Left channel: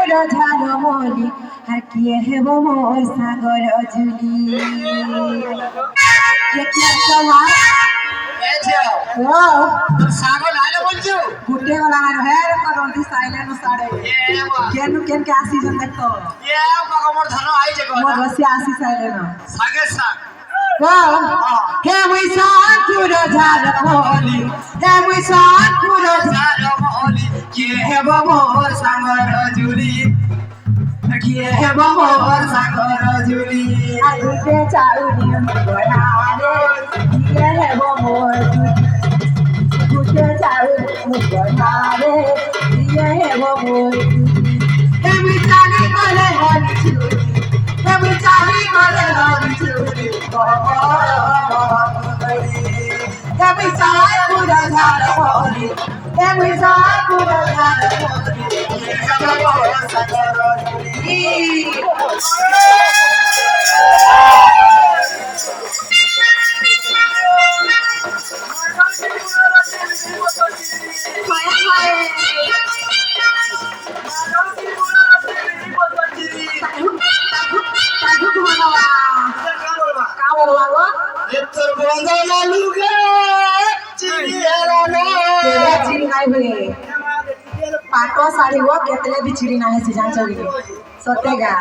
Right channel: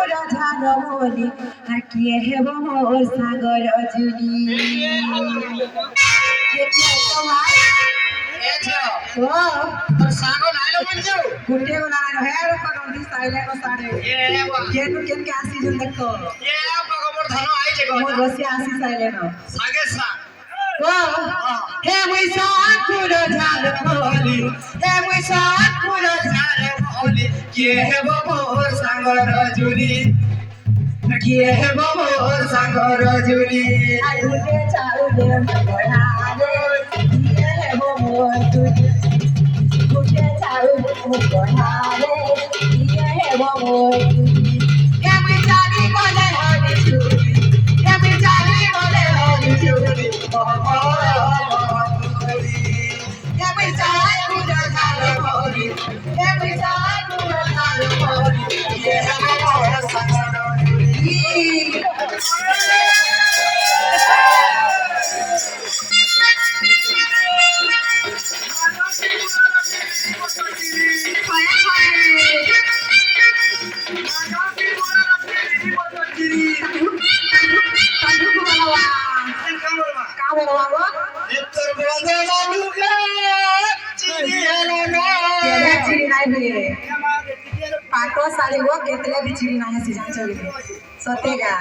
সাকুর ঝালমলি আর কিয়ে হেব মোর সাগর জুলি কেতিয়া সমাজ সাগর লাইলে বলছো গুটে গলা না হের করন্তি সাইলে ন সাড়ে কেন কেন কে আসি জন দেখতো মোর ধন আইছে গো মোর রসি আসি সাইলে ন সাগে সা হে মুই সাকুর ঝালমলি হে মুই সাকুর ঝালমলি কিয়ে হেব মোর সাগর জুলি কিয়ে হেব মোর সাগর জুলি আইতে চাউলে গড়ারে কিয়ে হেব মোর জুলি গুটে চাউলে গড়ারে কিয়ে হেব মোর জুলি হে মুই চালি গলে হলি চুলি হে মুই চালি গলে হলি চুলি হে মুই সাকুর ঝালমলি হে মুই সাকুর ঝালমলি কিয়ে হেব মোর সাগর জুলি তোর বন্ধনা লুকে চিনি এলানো पाटो साड़ी वो केतले भी चिड़ी ना है सीजन चली सतेगा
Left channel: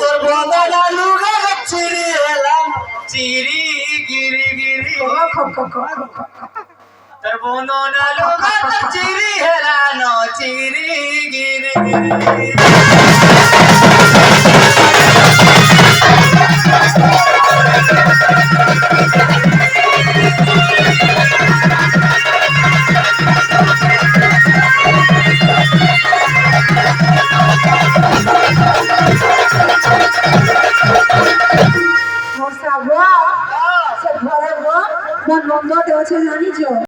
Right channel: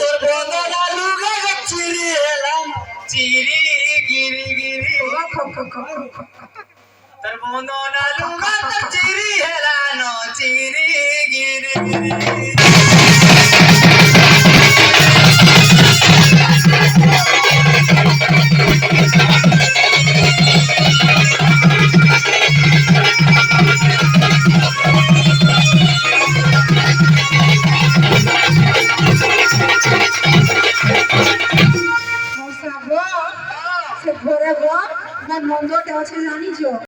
তোর বন্ধনা লুকে চিনি এলাম চিরি গিরি গিরি তোর বন্ধনা লুকে চিরি এলানো চিরি গিরি গিরি se ঘরে গো কোন বন্ধ দেওয়া জানিছো